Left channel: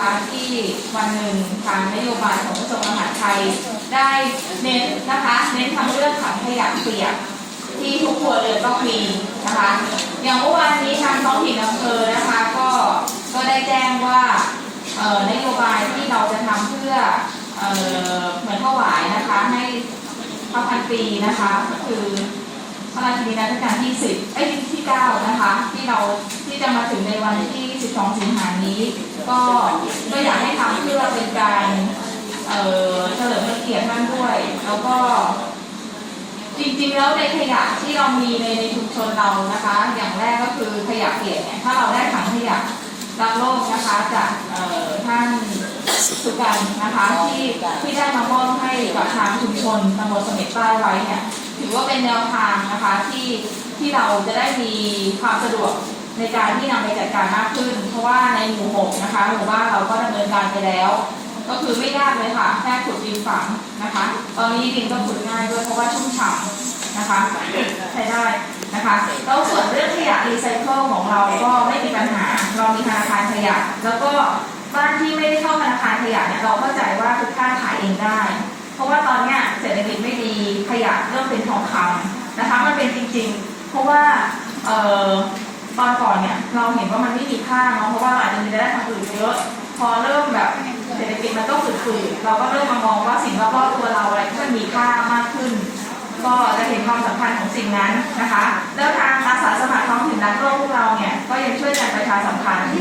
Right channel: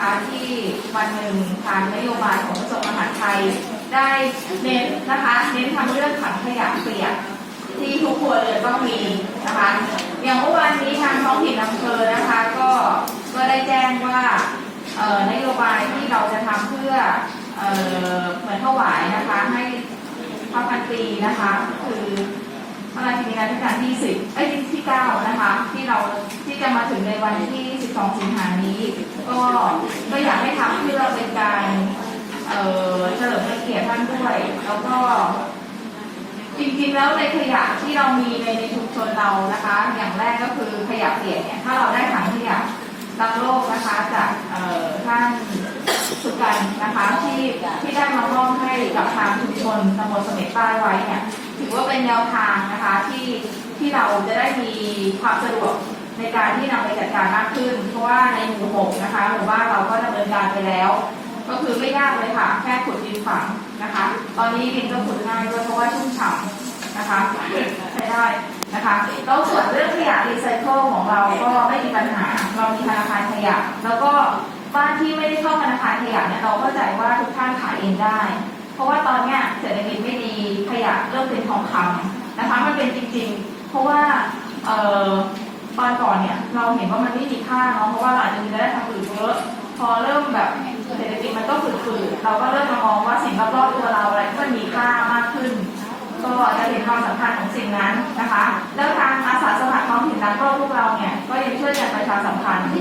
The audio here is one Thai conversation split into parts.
นะคะที่วันหนึ่งทางนโยบายของกระทรวงมหาดไทย ได้เน้นนะคะเน้นทำเรื่องถังขยะเปียกที่ทุกครัวเรือนต้องมีนะคะ อย่างเมื่อวานนี้ทางท้องถิ่นอำเภอนะคะก็ก็ได้แจ้งว่าเอ่อนโยบายที่เราจะทำเพื่อเอ่อเหมือนถวายนะคะให้พระพันปีนะคะก็คือพระราชินีนาถการที่10เอ้ยที่9นะคะ ที่เราที่จะมาถึงในวันที่ 12 สิงหานี้ ก็อยากให้ทำเพื่อเป็นการเออเฉลิมพระเกียรติท่านด้วย แล้วก็จริงๆแล้วในขยะที่เรามีในในชุมชนเรานะคะ อย่างแรกก็คือขยะเปียกเนี่ยถ้าเราได้ถังขยะรักโลกนะคะจากเอ่อท่านสุกันนะคะที่ที่ได้มามอบให้กับทางชุมชนตำบลเสม็ดใต้ไว้เนี่ยถือว่าเป็นแนวทางนะคะที่ที่เราจะได้มีความสะดวก ในการที่นำไปจัดการมากขึ้น เพราะว่าในหมู่หกนะคะหมู่บ้านเราก็ดำเนินการไปแล้ว ก็คือไม่ยากเลยค่ะ แค่ขุดดินฝังนะคะ ตอนนี้ดินก็ขุดง่ายด้วยเพราะว่าชุ่มฉ่ำนะคะใช้ได้นะคะแล้วส่วนเรื่องขยะรีไซเคิลของเราก็ไม่มีปัญหา เรามีธนาคารขยะ แล้วก็บ้านที่ไม่ได้เข้าธนาคารขยะเนี่ยเราเข้าใจว่าทุกท่านขายเองได้ เพราะว่าตอนเนี้ยเศรษฐกิจไม่ดีขยะเริ่มเป็นทองคำนะคะมันเป็นจริง ๆ เพราะว่าเอ่อ ตอนก่อนเนี่ยเราเห็นว่ามันไม่มีค่าเนาะเพราะว่าเราอาจจะมีรายได้ทางอื่นเยอะพอเริ่มแบบเศรษฐกิจมันก็ฝืดๆเราก็เริ่มมามองว่าสิ่งรอบๆตัวเราอะไรที่มันมีค่ามากขึ้น ก็จะเห็นความสำคัญของสิ่งนั้นนะคะ แล้วทางอาสาสมัครท้องถิ่นรักโลกพวกเราเนี่ยก็ยังช่วยกันประชาสัมพันธ์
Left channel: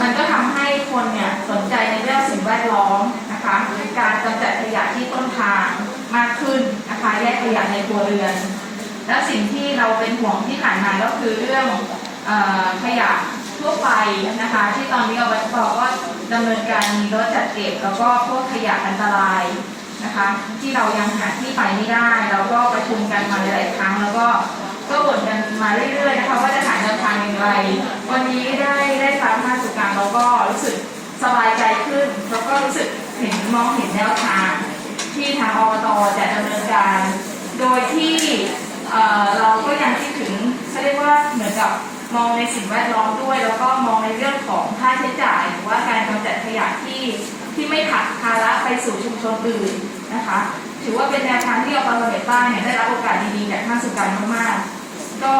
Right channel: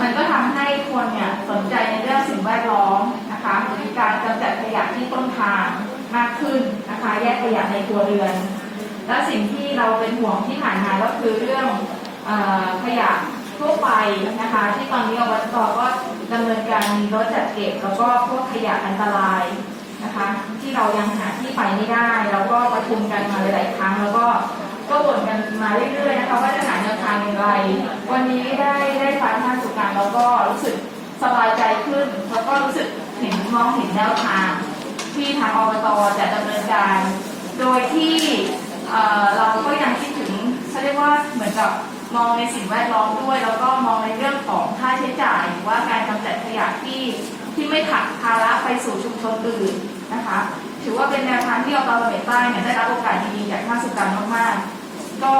มันก็ทำให้คนเนี่ยสนใจในเรื่องสิ่งแวดล้อมนะคะการกำจัดขยะที่ต้นทางมากขึ้นนะคะแยกขยะในครัวเรือน และสิ่งที่เราเป็นห่วงที่ผ่านมาก็คือเรื่อง ขยะทั่วไปนะคะ ที่ตอนนี้อบตก็ดำเนินการมีรถจัดเก็บแล้วก็พวกขยะอันตรายนะคะ ที่เรายังหาที่ไปไม่ได้ เราก็ประชุมกันมาหลายครั้ง แล้วก็ก็บ่นกันมาเรื่อยๆนะคะว่าจะหาแนวทางอย่างไรวันนี้ได้ได้ฟังท่านสุการเราก็รู้สึกสบายใจขึ้น แล้วก็รู้สึกเห็นมองเห็นแนวทางที่ทางอบตจะดำเนินการ โดยที่เอ่อเราก็ยังคิดถึงเขาเรียกว่าเหมือนกับ มองในสิ่งแวดล้อมด้วย แล้วก็มองในเรื่องของค่าใช้จ่ายหรือว่าการกำจัดขยะที่ที่ไม่ผลักภาระไปสู่ชุมชนอื่นนะคะ ถือว่าเป็นแนวทางที่อบตเบตใต้เนี่ยได้รับโอกาสดีๆจากท่านสุการมากๆ ก็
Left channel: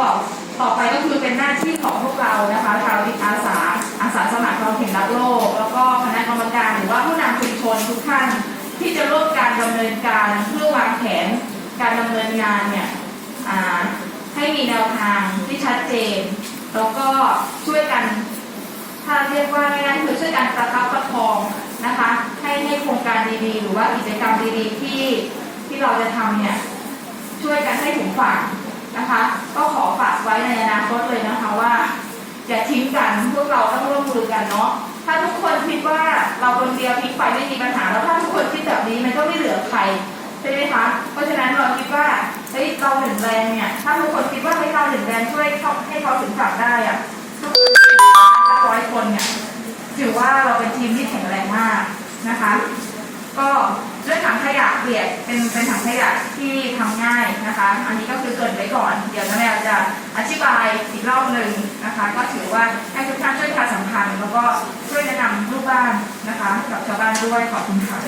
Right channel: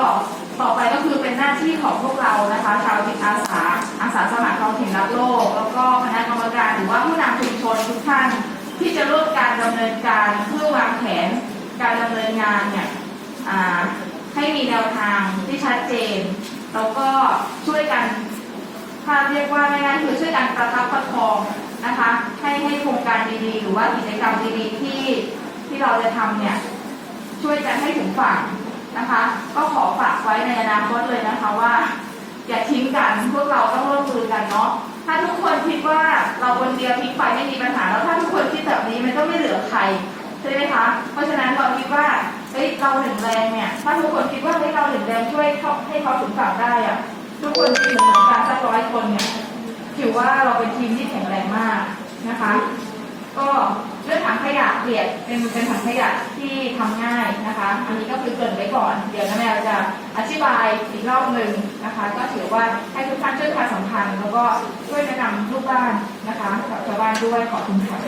ต่อไปก็คือเป็นหน้าที่ของพวกเรานะคะชาวจิตอาสาอาสาสมัครท้องถิ่นรักโลก แล้วก็คณะกรรมการหรือว่าผู้นำชุมชนทุกท่านที่จะร่วมการดำเนินการเพื่อวางแผนการดำเนินงานเนี่ยให้มีแนวทางที่ชัดเจน แล้วก็ช่วยกัน ถ้าเรียกว่าง่ายๆคือช่วยกันประคับประคองนะคะ ให้ให้โครงการดีๆ หรือว่ากิจกรรมดีๆที่ที่เราจะทำเนี่ยช่วยกันให้ถึงฝั่งนะคะ ก็ขอฝากไว้ในอนาคตเลยนะคะว่าอย่าทิ้งกันพวกเราต้องร่วมมือกันเนาะถ้าทุกคนคิดว่าเราคนเดียวพลิกไปไม่มีปัญหาแล้วถ้าทุกคนคิดแบบนี้มันก็ไม่เหลือใคร ใช่ไหมคะ เพราะฉะนั้นเราคิดว่าเฮ้ยเราหนึ่งแรงเนี่ย ถ้าทุกคนคิดว่าเฮ้ยเราหนึ่งแรงช่วยเขาให้เขาถึงฝั่งได้อะทุกคนที่อยู่ในการสักร้อยคนเนี่ยถือว่าเราเป็นทีมที่แข็งแรงมากนะคะ ก็เรื่องถังขยะเปียกเป็นเป็นถังขยะที่ทำง่ายนะคะ อันนี้ก็คือเกินไว้ก่อน เดี๋ยวน้าแมวจะอธิบายอีกรอบหนึ่งนะคะ ก็ถือว่าให้ทุกท่านช่วยประชาสัมพันธ์แล้วก็ช่วยแนะนำลูกบ้านนะคะกับชาวบ้านด้วยขอบคุณค่ะ